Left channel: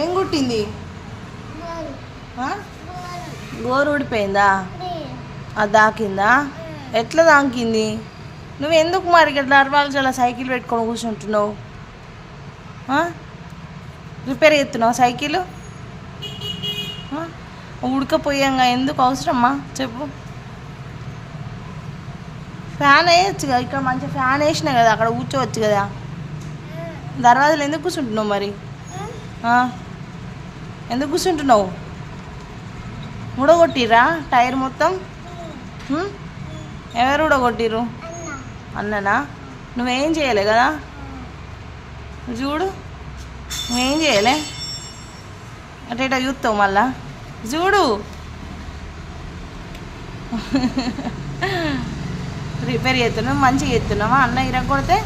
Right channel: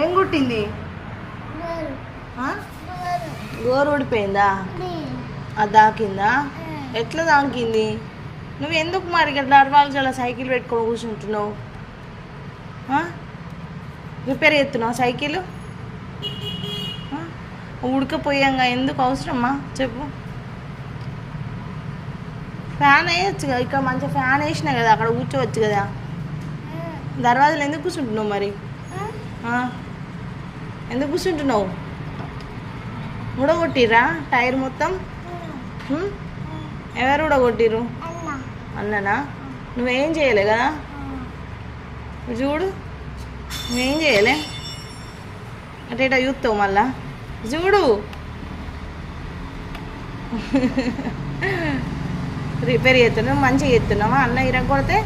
ఏం కుట్టింది? గోరు ఊడిపోయిందా? అది దాకిందా? ఎట్లా దాకింది? నువ్వు ఎందుకు మరి ఇక్కడ దర్వాలు చాలా సైకిల్ పెట్టుకొని కూర్చుంటున్నావు? రిపేర్ చేస్తున్నావు సైకిల్? ఉడకపోయాంగా ఎందుకు అవసరమ్మా చెప్పు. ఫ్యాన్ వేయచ్చు కదా, ఇక్కడ మంచిగా ఫ్యాన్ వేసినా కదా, అక్కడ కూర్చోవచ్చు కదా. దర్వాజాలు ఎందుకు కూర్చుంటున్నావు మరి? ఎందుకు కూర్చుంటున్నావు? ఊడగొట్టిరా టైర్ మొత్తం? ఎవరు ఊడగొట్టిరు? అన్ననా? నువ్వేం చేయలే కదా, చూడు నువ్వేం చేయలే. అంటే ఇట్లా చూస్తావు మళ్ళా, చూడు. రిపేర్ చేస్తున్నావు, మంచిగా చేస్తున్నావా? అన్న ఇరగొడితే